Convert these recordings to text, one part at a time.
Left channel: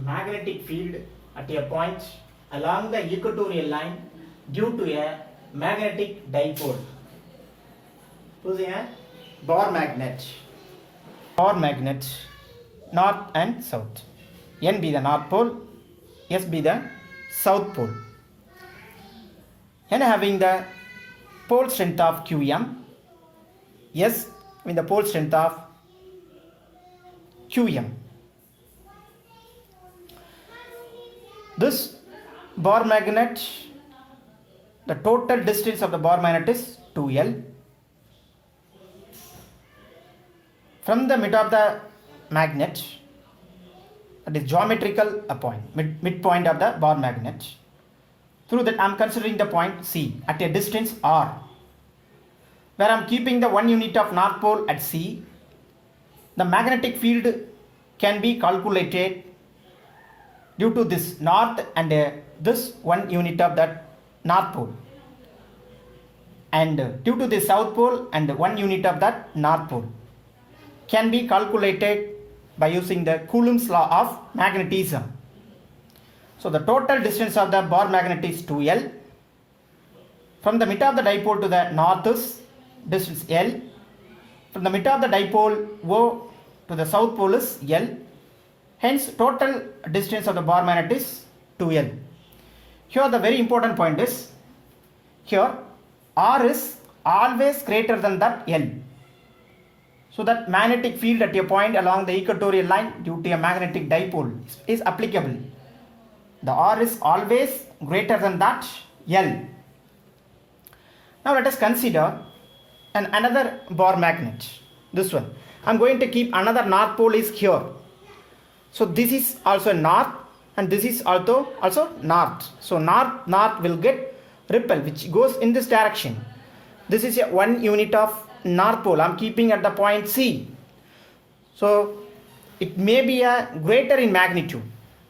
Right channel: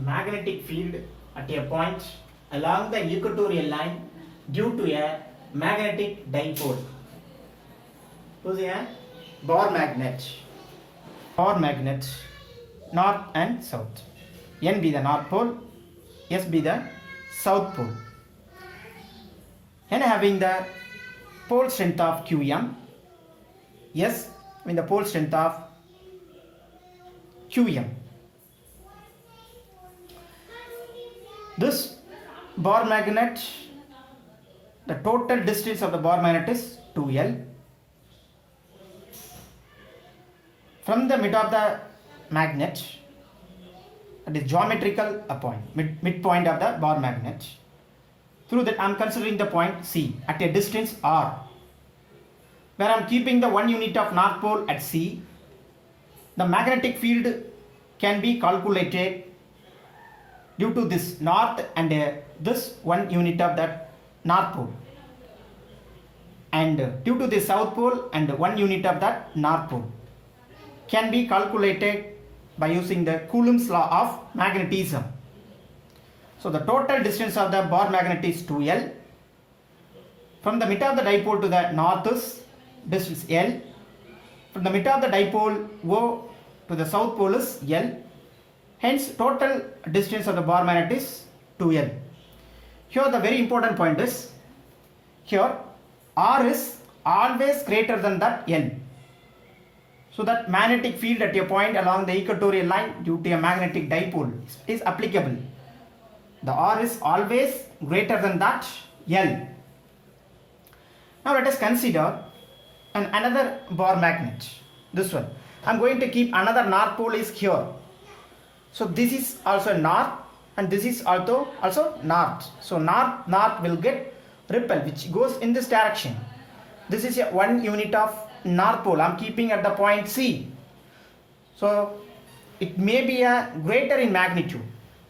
magnetic field at a point along the equatorial line due to a magnetic dipole. Who's a bar magnet? Bar magnet, north and south. N be the north pole, S be the south pole. N having the pole strength of Qm, S with the pole strength of Qm. This bar magnet, the total distance of the bar magnet is 2L. From the mid of the magnet, that is geometrical point, midpoint of the bar magnet. Through that I am considering the point C at a distance R, where I am keeping the 1 unit of north pole at C. The magnetic field can be calculated due to this north and this 1 unit of that north pole, and due to the south pole and 1 unit of that north pole can be calculated by using the Coulomb's law of magnetism. So the total distance of the bar magnet is 2L. From the mid of the dipole to the north is distance L. From the mid of the dipole O to the south pole is L. Hence total distance of the bar magnet is 2L. Here the very important point is, here R is always greater than that L. So that magnetic field at a point along the equatorial line due to a magnetic dipole is applicable. The R is always greater than that L. Now let us consider another bar magnet. This one. I am going to keep another north pole is here. So this is also north and this is also north. So north will get repel which goes in this direction. This is a 1 unit of north pole I am keeping at the point C. So it may be a greater in magnitude,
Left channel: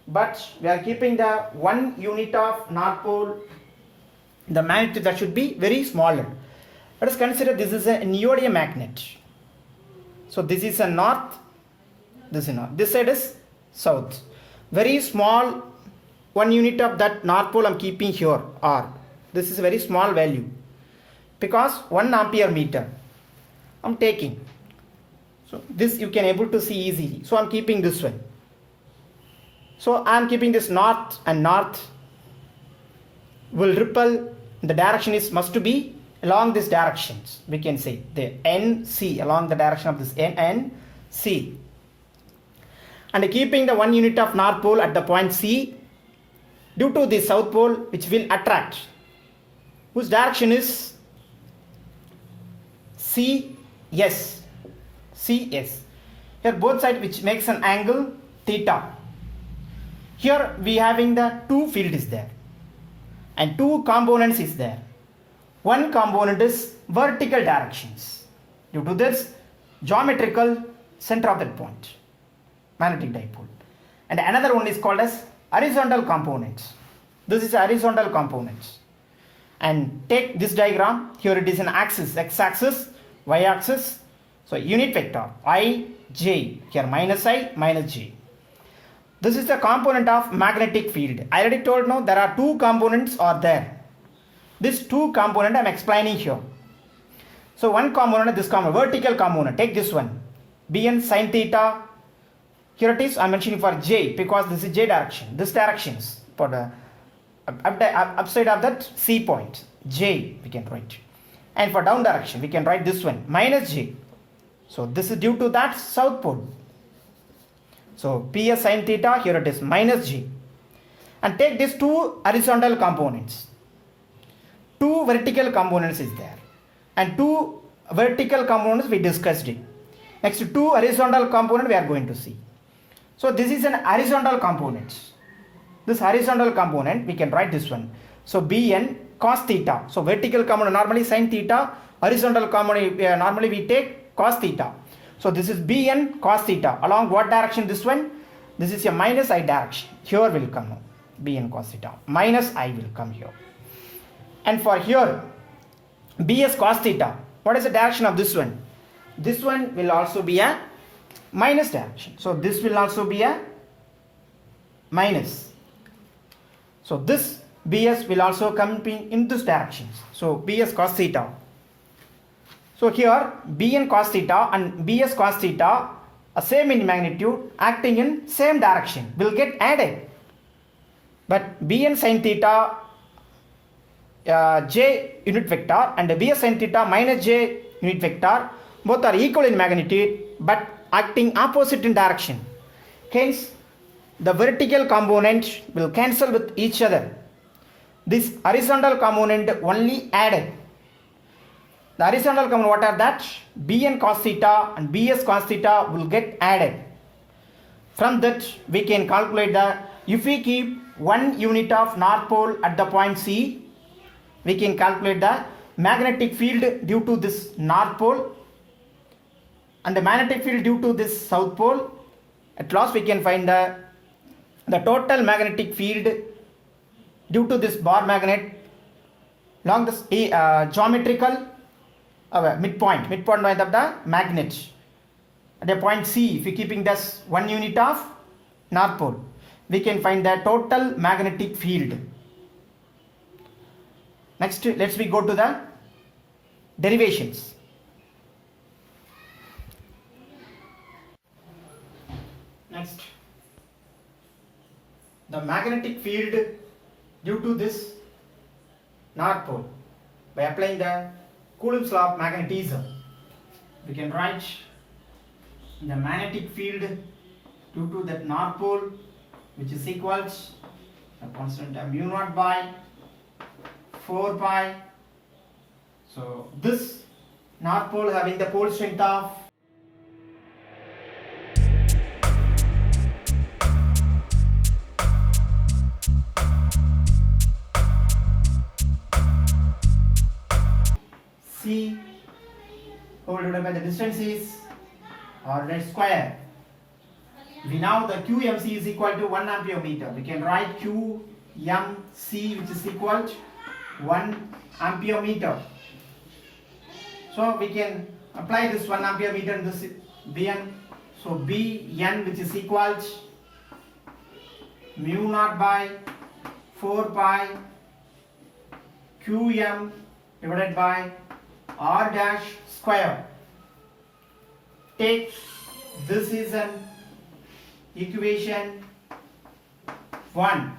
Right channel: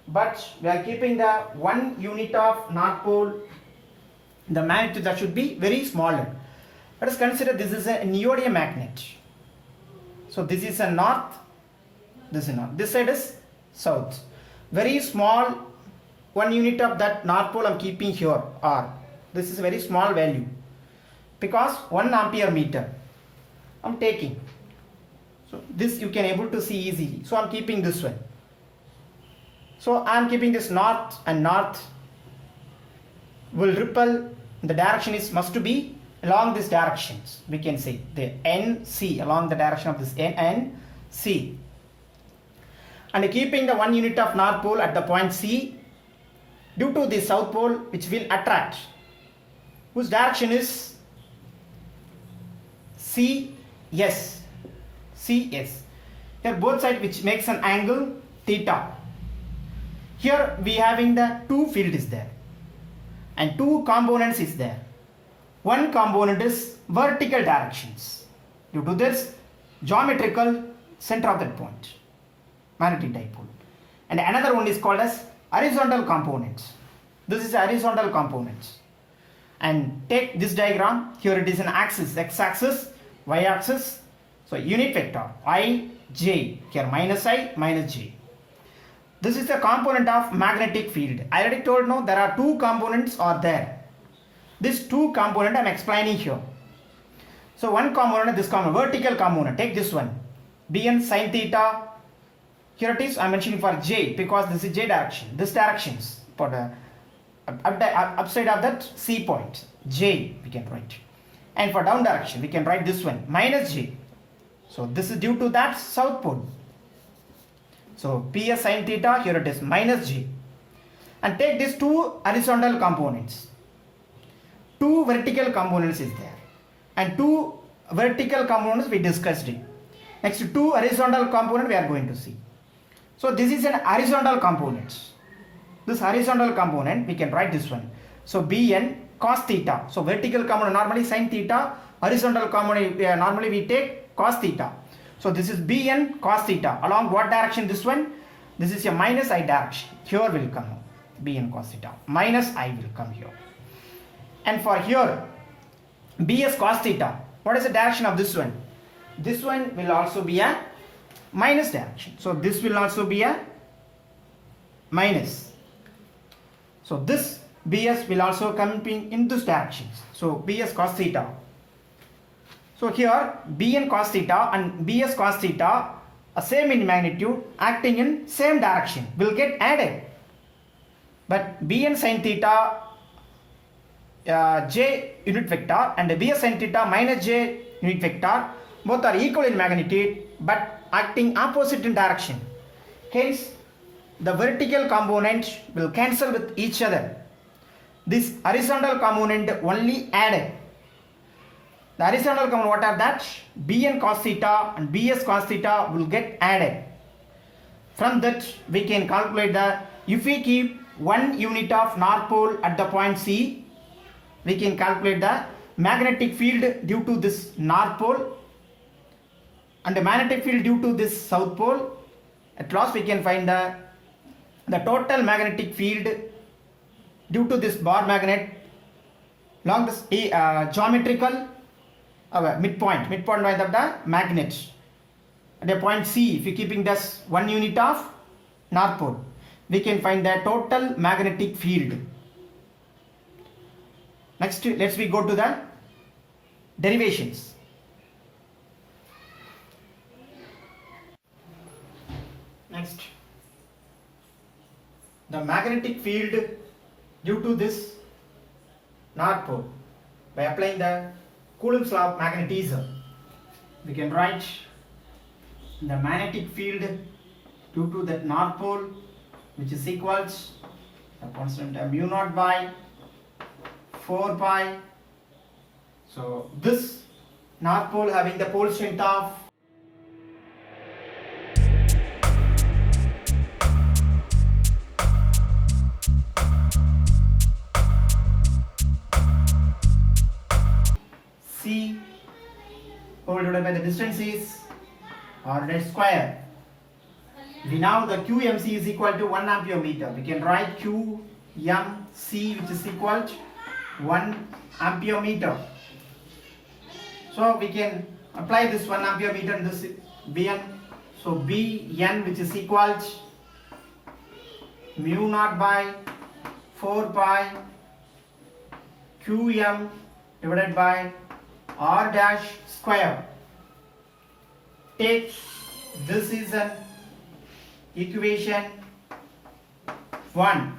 but we are keeping the 1 unit of north pole, the magnitude that should be very smaller. Let us consider this is a neodymium magnet. So this is a north, this is north, this side is south. Very small 1 unit of that north pole I am keeping here, R. This is a very small value because 1 ampere meter I am taking. So this you can able to see easily. So I am keeping this one. So I am keeping this north, and north will repel. The direction is must to be along these directions. We can say the NC, along the direction of this N and C. And keeping the 1 unit of north pole at the point C due to the south pole which will attract, whose direction is CS. Here both sides which makes an angle theta. Here we having the 2 field is there and 2 components is there. One component is vertical directions due to this geometrical center of that point, magnetic dipole, and another one is called as horizontal component. This is a horizontal component. And take this diagram. Here it is an axis, x-axis, y-axis. So unit vector I, j, here minus I, minus j. This is the component of magnetic field. I already told no, there are 2 components are there. These 2 component I am explaining here. So one component, this component, vertical component, take this one, Bn sin theta. Here it is, I am mentioning for j because this is j direction. This direction is for the upside of that C point, j we can write. And for down direction we can write this one, minus j. So this is due to that south pole. So Ps sin theta, here it is minus j. And take these 2 horizontal components. 2 vertical components is there. And 2 vertical components we discussed it. Next 2 horizontal component we are going to see. So this is an horizontal component. This horizontal component we can write this one. So Bn cos theta. So vertical component normally sin theta. Horizontal component normally we take cos theta. So this is Bn cos theta. Along what direction this one? This is a minus I direction. Here will come Bn cos theta. Minus I will come here. And for here Bs cos theta. What is the direction of this one? This one will also be a minus direction. So this will also be a minus. So this Bs will also come in this direction. So Bs cos theta. So here Bn cos theta and Bs cos theta are same in magnitude, acting in same direction, will get added. But Bn sin theta j unit vector and Bs sin theta minus j unit vector both are equal in magnitude but acting opposite in direction. Hence the vertical component will cancel with each other. This horizontal component only added. The horizontal component, what are that? Bn cos theta and Bs cos theta will get added. From that we can calculate if we keep 1 unit of north pole at the point C, we can calculate the magnetic field due to this north pole and the magnetic field due to this south pole. At last we can find the total magnetic field due to this bar magnet along this geometrical midpoint of the magnet at the point C. If we keeping this 1 unit of north pole, we can find the total magnetic field. Next, let's we go to the derivations. Next, the magnetic field due to this north pole by applying the Coulomb's law of magnetism. We can write the magnetic field due to that north pole, which is equals a constant mu naught by 4 pi. So this north pole having the pole strength of C whole divided by the distance is ordinate square. We now the QMC is equal to 1 ampere meter. We can write QMC which is equal to 1 ampere meter. So we can apply this 1 ampere meter in this Bn. So Bn which is equal to mu naught by 4 pi Qm divided by R dash square. Take this is an equation 1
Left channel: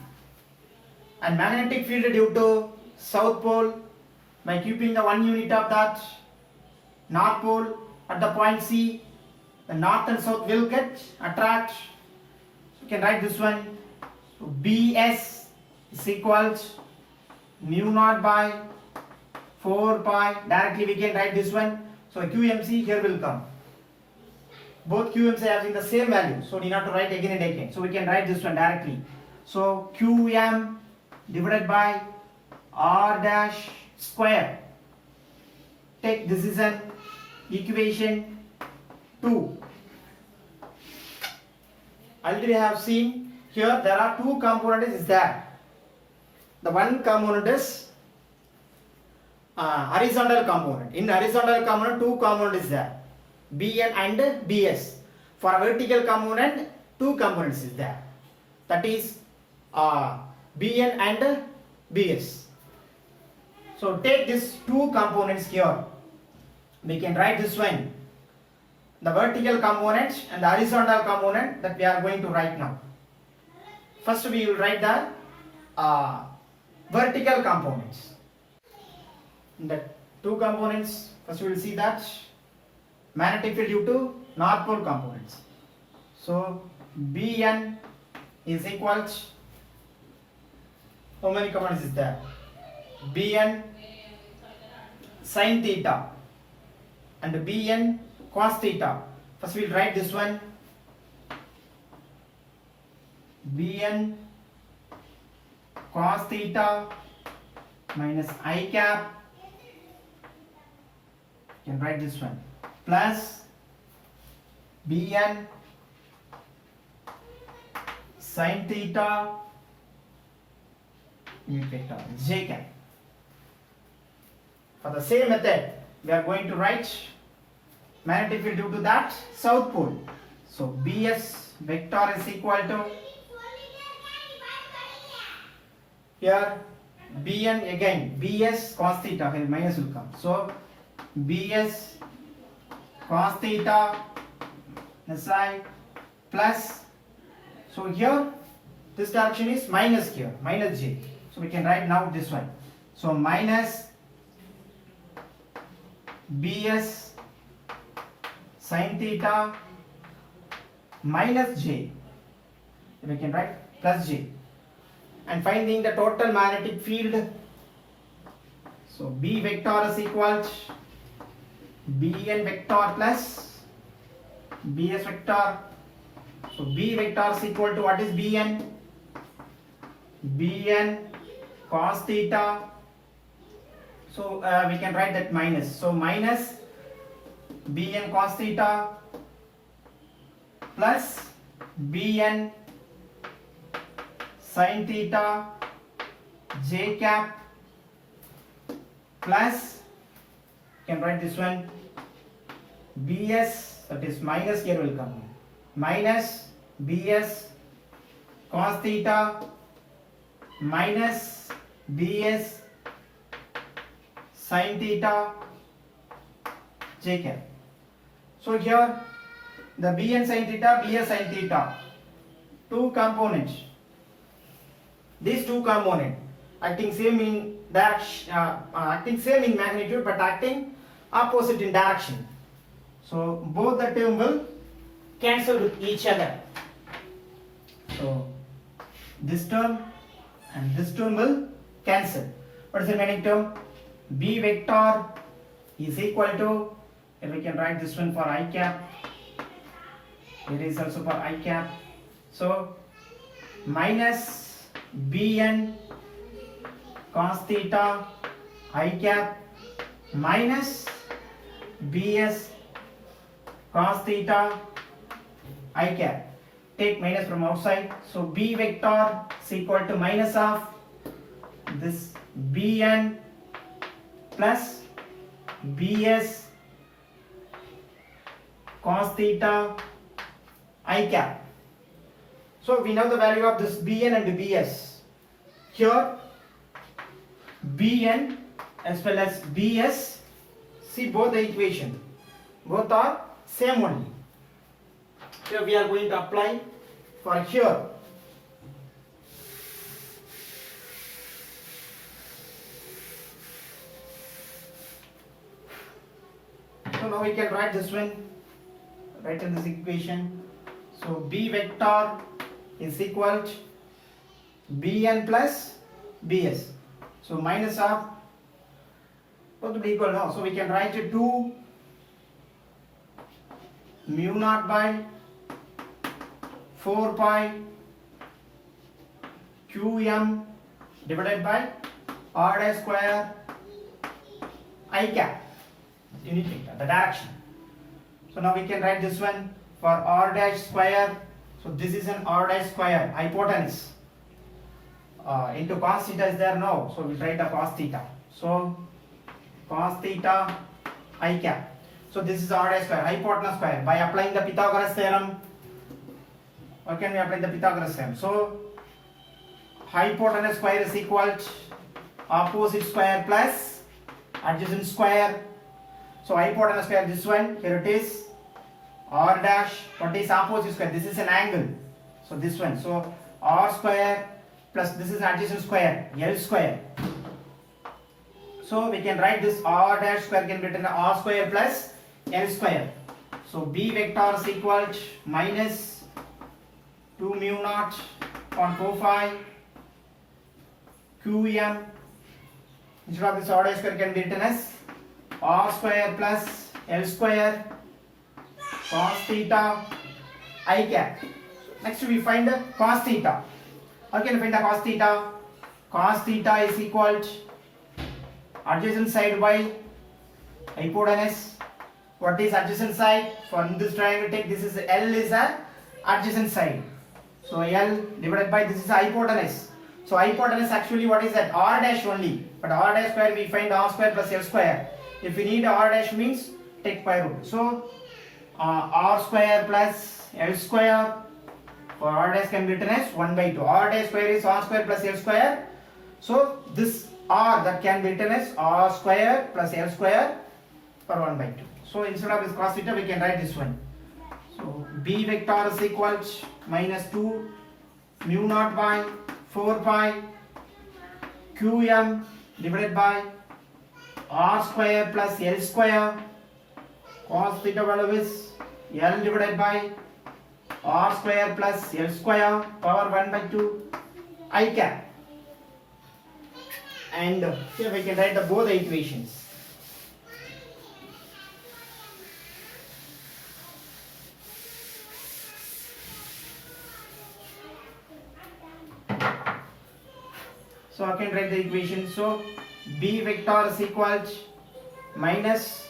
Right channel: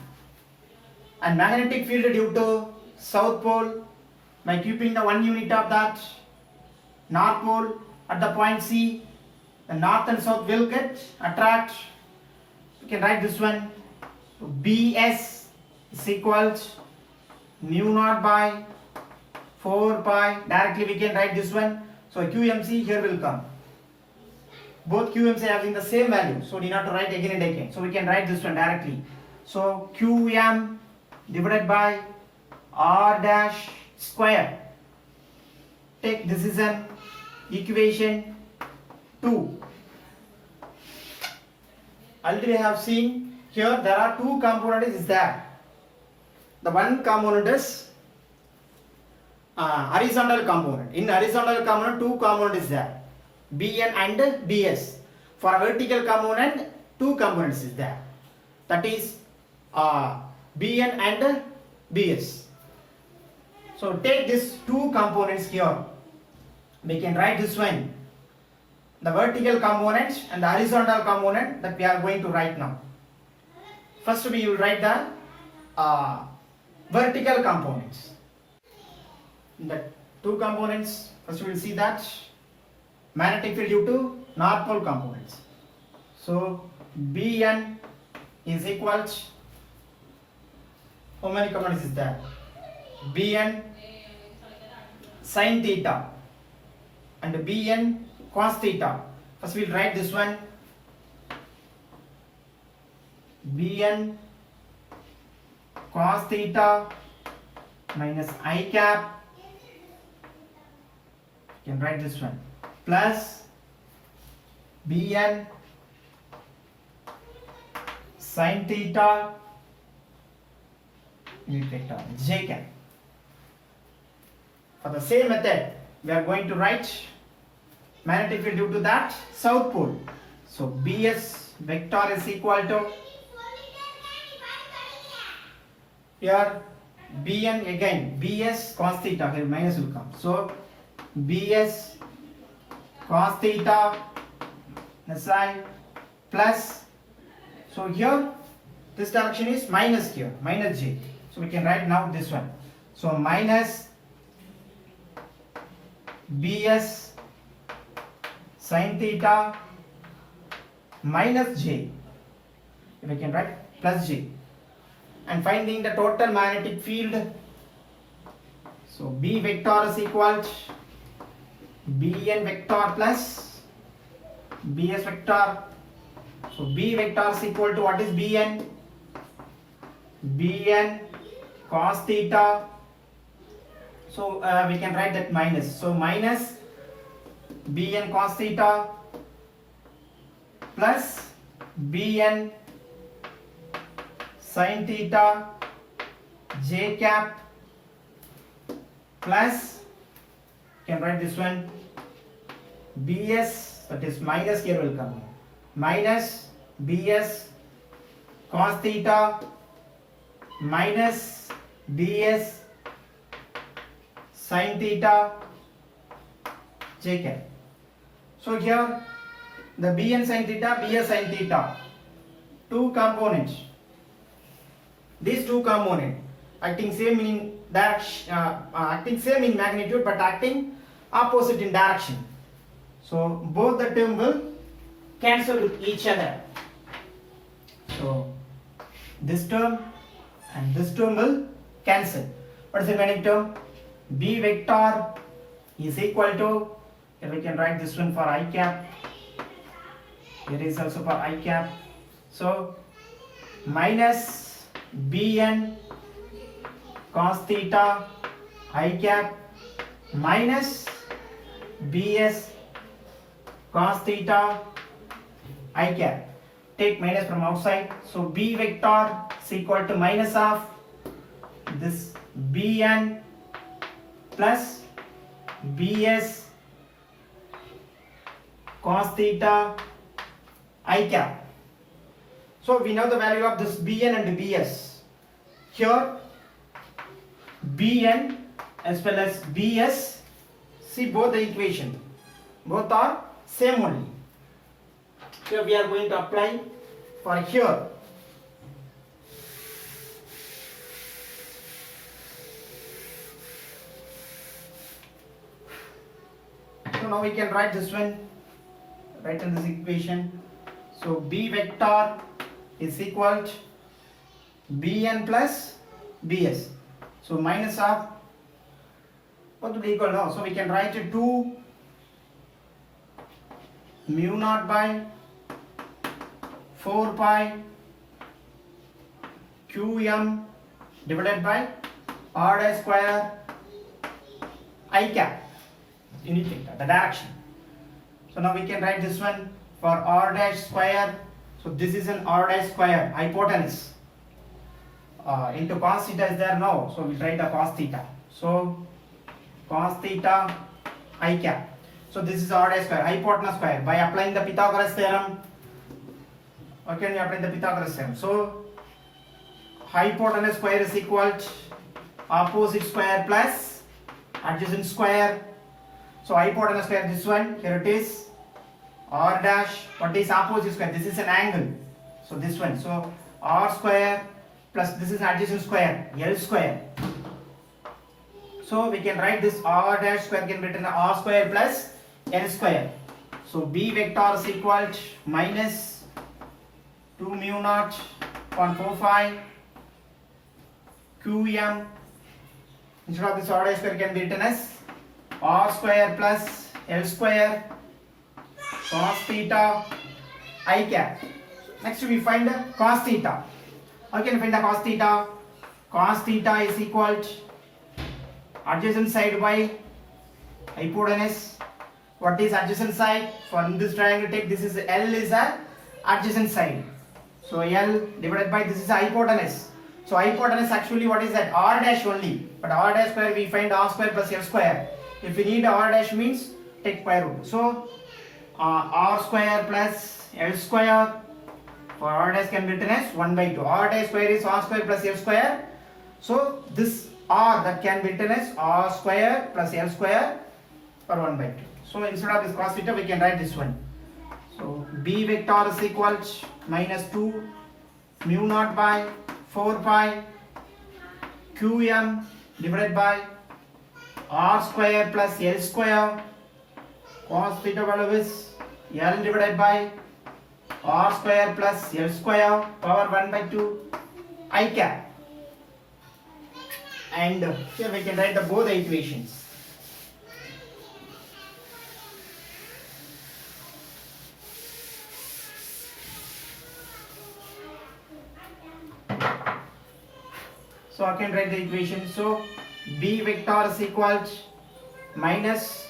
and magnetic field due to south pole by keeping the 1 unit of that north pole at the point C, the north and south will get attract. You can write this one. So Bs is equals mu naught by 4 pi. Directly we can write this one. So QMC here will come. Both QMC having the same value, so need not to write again and again. So we can write this one directly. So QM divided by R dash square. Take this is an equation 2. Already I have seen here there are two components is there. The one component is horizontal component. In horizontal component, two components is there, Bn and Bs. For a vertical component, two components is there. That is Bn and Bs. So take these two components here. We can write this one, the vertical component and the horizontal component that we are going to write now. First we will write the vertical components. The two components, first we will see that magnetic field due to north pole components. So Bn is equal to, how many components is there? Bn sin theta and Bn cos theta. First we will write this one, Bn cos theta minus I cap. You can write this one plus Bn sin theta unit vector j cap. For the same method, we are going to write magnetic field due to that south pole. So Bs vector is equal to Here Bn again, Bs cos theta, here minus will come. So Bs cos theta this side plus, so here this direction is minus here, minus j. So we can write now this one. So minus Bs sin theta minus j. We can write plus j. And finding the total magnetic field. So B vector is equal to Bn vector plus Bs vector. So B vector is equal to what is Bn? Bn cos theta. So we can write that minus. So minus Bn cos theta plus Bn sin theta j cap plus, you can write this one, Bs, that is minus here will come, minus Bs cos theta minus Bs sin theta j cap. So here the Bn sin theta, Bs sin theta, two components. These two components acting same in direction, acting same in magnitude but acting opposite in direction. So both the term will cancel with each other. So this term and this term will cancel. What is the remaining term? B vector is equal to, here we can write this one for I cap. Here is also for I cap. So minus Bn cos theta I cap minus Bs cos theta I cap. Take minus from outside. So B vector is equal to minus of this Bn plus Bs cos theta I cap. So we know the value of this Bn and Bs. Here Bn as well as Bs, see both the equation, both are same only. Here we are going to apply for here. So now we can write this one, write in this equation. So B vector is equal to Bn plus Bs. So minus of, both will be equal now. So we can write it 2 mu naught by 4 pi qm divided by r dash square I cap, unit vector, the direction. So now we can write this one for r dash square. So this is an r dash square hypotenuse into cos theta is there now. So we write a cos theta. So cos theta I cap. So this is r dash square, hypotenuse square. By applying the Pythagoras theorem, or can we apply the Pythagoras theorem? So hypotenuse square is equal to opposite square plus adjacent square. So hypotenuse square, this one, here it is, r dash, what is opposite square? This is an angle. So this one, so r square plus this is adjacent square, L square. So we can write this r dash square can be written r square plus L square. So B vector is equal to minus 2 mu naught upon 4 phi qm. Instead of this r dash square can be written as r square plus L square cos theta I cap. Next we find the cos theta. How can we find the cos theta? Cos theta is equal to adjacent side by hypotenuse. What is adjacent side? For in this triangle, take this is L is a adjacent side. So L divided by this is hypotenuse. So hypotenuse actually what is that? R dash only. But R dash square we find R square plus L square. If we need R dash means take square root. So R square plus L square for R dash can be written as 1 by 2. R dash square is R square plus L square. So this r that can be written as r square plus l square per 1 by 2. So instead of this cos theta we can write this one. So b vector is equal to minus 2 mu naught by 4 pi qm divided by r square plus l square cos theta value is l divided by r square plus l square power 1 by 2 I cap. And here we can write the both the equations. So I can write the equation. So b vector is equal to minus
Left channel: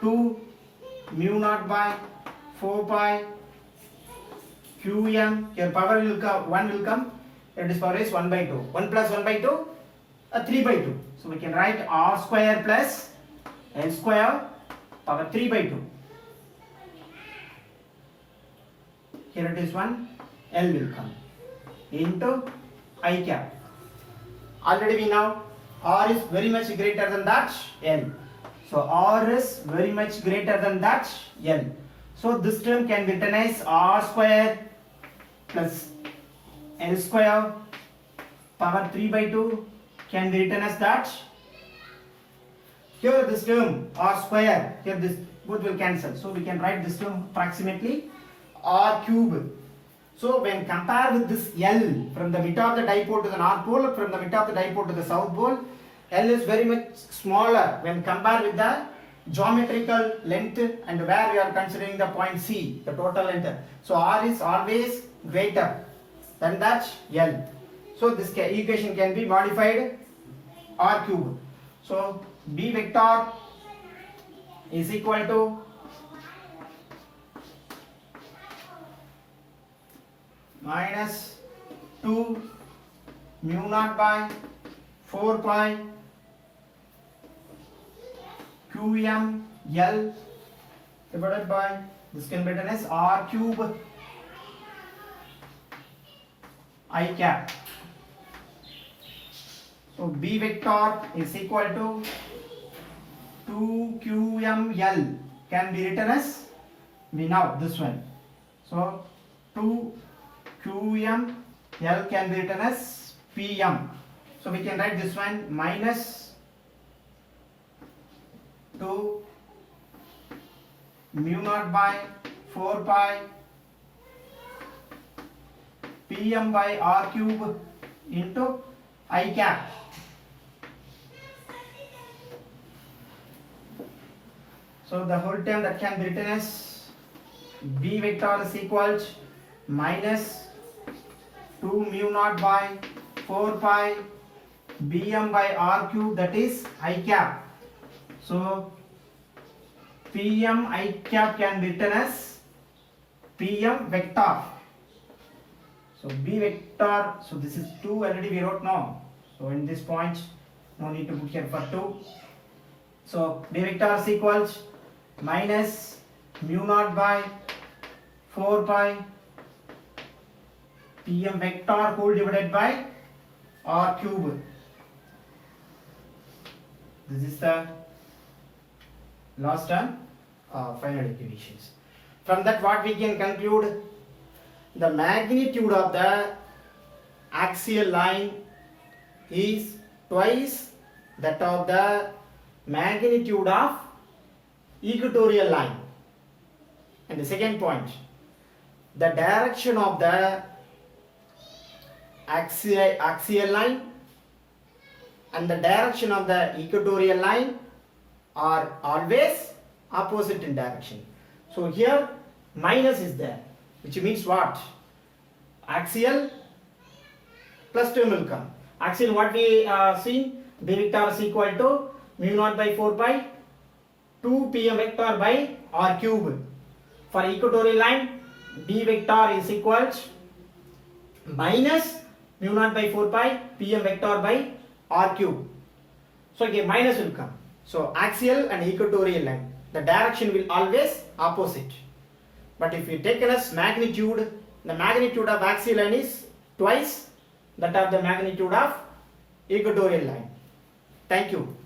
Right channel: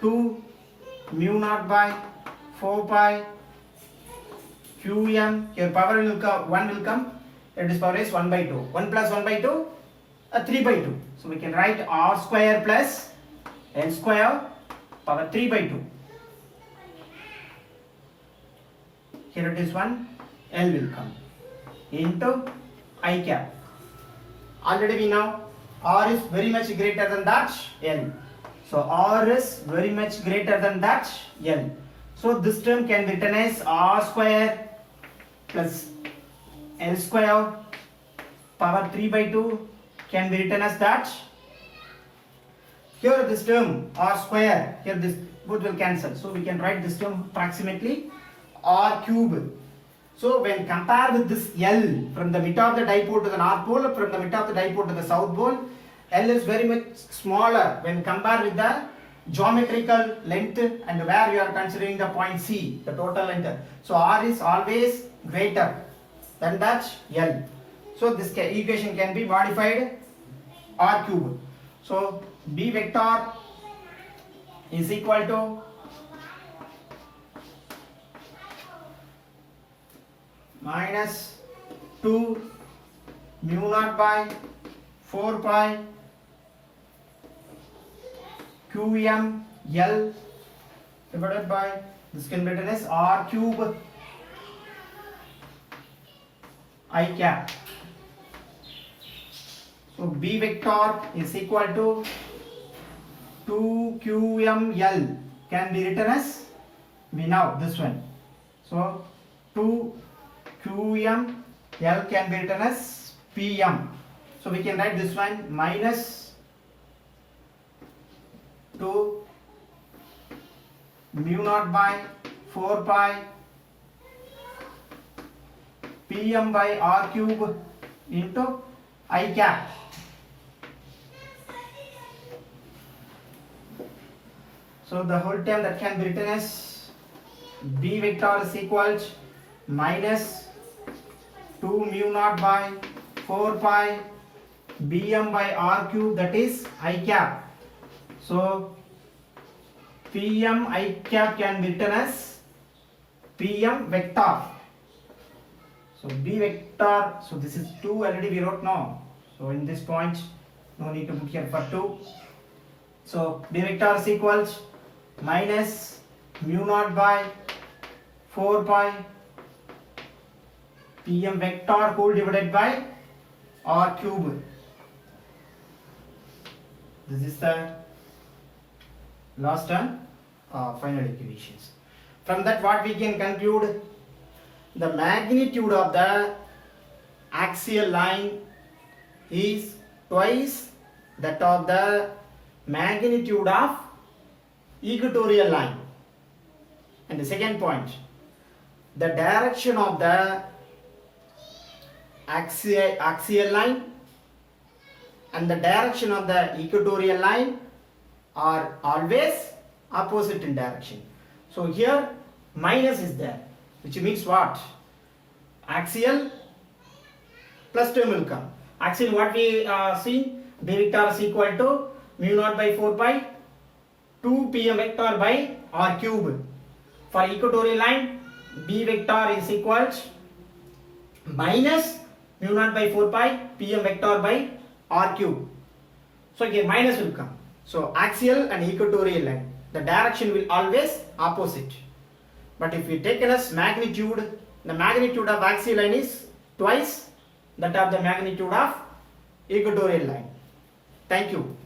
2 mu naught by 4 pi qm. Here power will come, 1 will come. It is power is 1 by 2. 1 plus 1 by 2, 3 by 2. So we can write r square plus l square power 3 by 2. Here it is 1, l will come into I cap. Already we know r is very much greater than that l. So r is very much greater than that l. So this term can be written as r square plus l square power 3 by 2 can be written as that. Here this term r square, here this both will cancel. So we can write this term approximately r cube. So when compared with this L from the mid of the dipole to the north pole, from the mid of the dipole to the south pole, L is very much smaller when compared with the geometrical length and where we are considering the point C, the total length. So R is always greater than that L. So this equation can be modified R cube. So B vector is equal to minus 2 mu naught by 4 pi qm L divided by, this can be written as R cube I cap. So B vector is equal to 2 qm L can be written as, we know this one. So 2 qm L can be written as pm. So we can write this one minus 2 mu naught by 4 pi pm by r cube into I cap. So the whole term that can be written as B vector is equal to minus 2 mu naught by 4 pi bm by r cube, that is I cap. So pm I cap can be written as pm vector. So B vector, so this is 2 already we wrote now. So in this point, no need to put here for 2. So B vector is equal to minus mu naught by 4 pi pm vector whole divided by r cube. This is the last and final equations. From that what we can conclude, the magnitude of the axial line is twice that of the magnitude of equatorial line. And the second point, the direction of the axial line and the direction of the equatorial line are always opposite in direction. So here minus is there, which means what? Axial plus term will come. Axial what we see, B vector is equal to mu naught by 4 pi 2 pm vector by r cube. For equatorial line, B vector is equal to minus mu naught by 4 pi pm vector by r cube. So again minus will come. So axial and equatorial line, the direction will always opposite. But if we take as magnitude, the magnitude of axial line is twice that of the magnitude of equatorial line. Thank you.